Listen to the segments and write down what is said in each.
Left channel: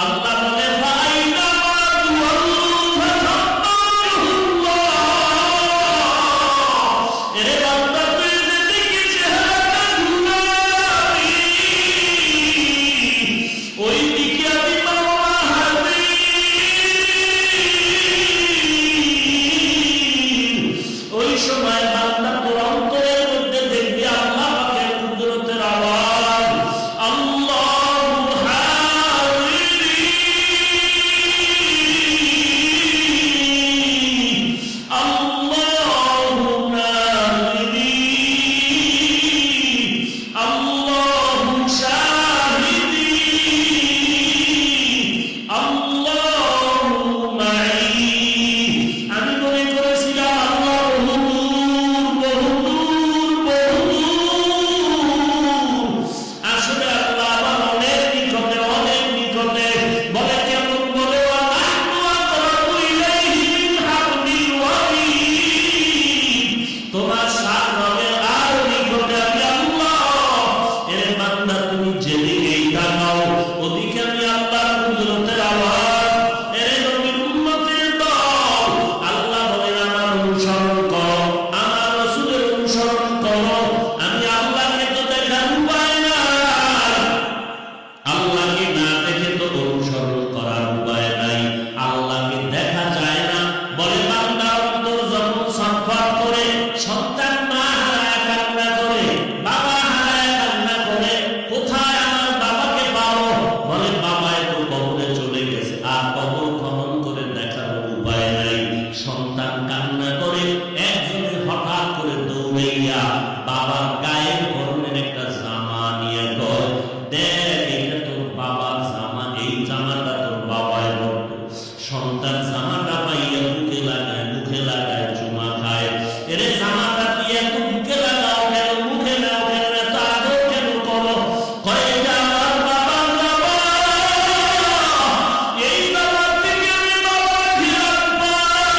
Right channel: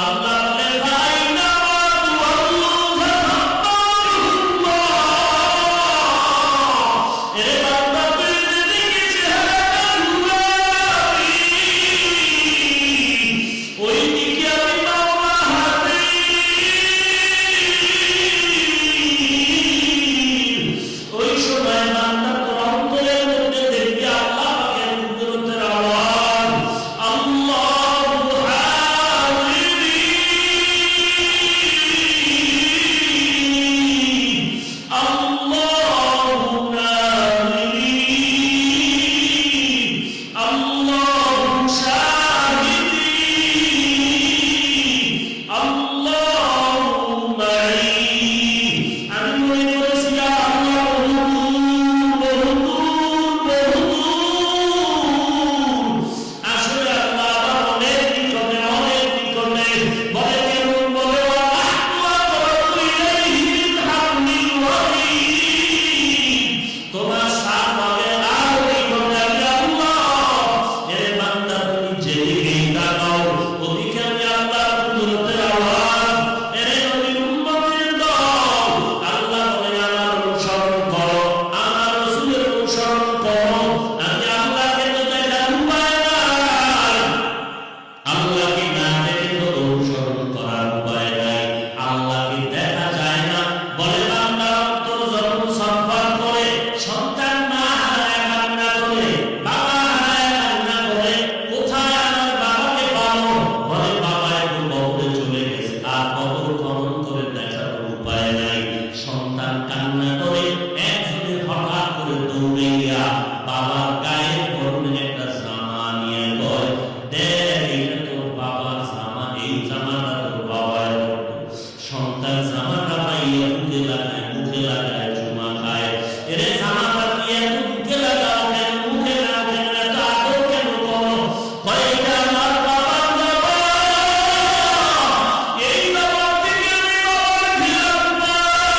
আল্লাহ বলে ফাইনা মা তুআল্লু ফাতাল্লাহ। এরে বান্দা তুই যেদিকে চেহারাটা ঘুরাবি ওই দিকে আমি মাওলা হাজির। ওই সময় বান্দা তোর অন্তরের মধ্যে দেখবি আল্লাহ পাকের কুদরতের আওয়াজ, আল্লাহু হাজিরি আল্লাহু নাজিরি আল্লাহু শাহিদি আল্লাহু মাই। আমি মনে করেছিলাম আল্লাহ বহুদূর, আসলে আল্লাহ আমার অনেক নিকটে, অনেক নিকটে। বলে কেমন? বলে তোমার সাত রগের আরো নিকটে আমি আল্লাহ। এর বান্দা তুমি যেদিকেই তাকাও ওদিকে আমি আল্লাহর কুদরতের আওয়াজ। এরে নবীর উম্মতের দল, আল্লাহ বলেন আমার অনুসরণ করো, আমার রাসূলের অনুসরণ করো। আমি আল্লাহকে তো দেখার উপায় নাই, আল্লাহকে না দেখে তো অনুসরণ করার উপায় নাই। আল্লাহকে দেখা যায় না। বলে বান্দার অন্তর যখন ছটফট করে, সন্তান মা হারায় কান্না করে, বাবা হারায় কান্না করে, কোথায় আমার বাবাকে পাবো? বলে বাবা একটু কবরে চলে গেছে, আর কবর খনন করে দেখার উপায় নাই। সন্তান কান্না করে, একজনে হঠাৎ করে দৌড়াইয়া বাবার গায়ের পরনের একটা জামা নিয়ে কয়, দেখ এটা তোর বাবার জামা, এই জামাটা তোর বাবায় পরতো। সন্তান জামাটা পাইয়া বুকে লাগায়, মুখে লাগায়, চুমা খায়। এরে জামাটা তুই এত বুকে লাগাও কেন, মুখে নাও কেন, এত আদর কেন করো? কয় এটা আমার বাবার জামা, এই জামা থেকে আমি বাবার ঘিরান পাই,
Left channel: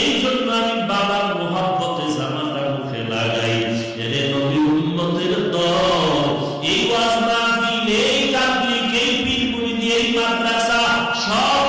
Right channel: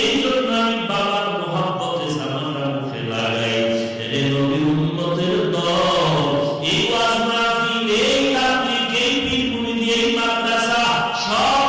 এই জন্য আমি বাবার মোহাব্বতে জামাটা মুখে লাগাই। এরে নবীর উম্মতের দল, এই ওয়াজ মাহফিল, এই তাবলীগ, এই পীর মুরিদ, এই মাদ্রাসা সব